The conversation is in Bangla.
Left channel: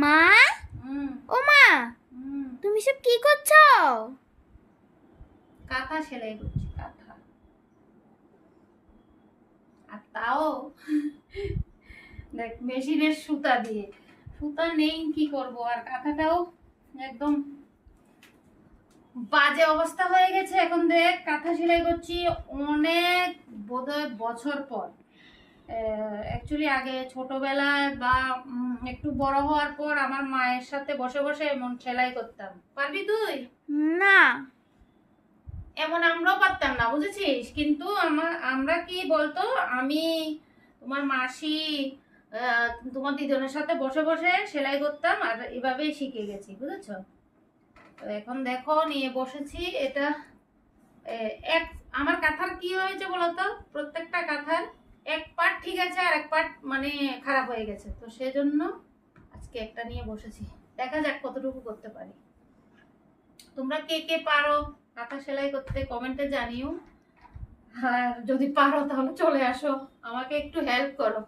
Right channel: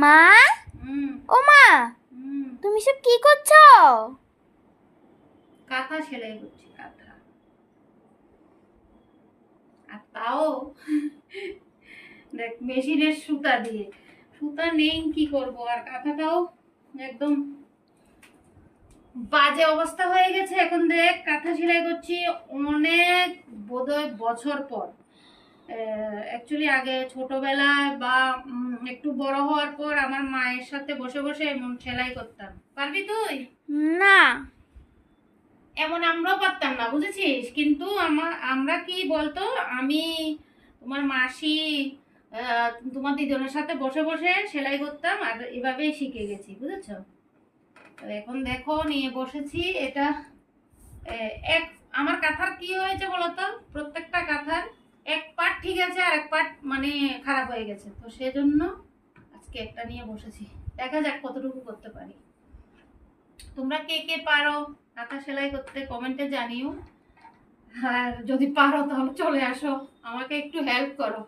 মা, ও মা, তুমি সব কি করছো? কাঁথা সেলাই করছি, কাঁথা। আর তাও দেখ মেশিনের সুতা দিয়ে, সুতা নেই কি করব, আর কাঁথাটাও একদম বাজে অবস্থা হয়ে গেছে। এখন দেখ কাঁথা সেলাই করছি অনেক বোধহয় বছর পর। অ্যাকচুয়ালি আগে ছোটবেলায় বা একটু বড় হওয়ার পর আমার মায়ের সাথে বসে বসে এমন সেলাই করতাম। পারবি তুই? না। এমন আমরাও পারতাম না, বুঝেছিস? কিন্তু আমরা কি বলতো, আমি, তোমার মাসি, তোমার দিদনের সাথে বসে বসে সেলাই করতাম আর এভাবেই শিখে গেছি, বুঝেছো? তো এখন দেখো নিয়ে বসেছি এটা। এক আমার কাঁথার কি হয়েছে বলতো, প্রত্যেকটা কাঁথার এক পার্ট ঠিক আছে আর এক পার্ট মানে খারাপ হয়ে গেছে, তো সেজন্য আজকে একটা নিয়ে বসেছি। দেখা যাক কতটুকু করতে পারি। তোমরা কে কে পারো কাঁথা সেলাই করতে কমেন্টে জানিও। আর যদি পারো তাহলে চলে আসো, আমাকে একটু হেল্প করো।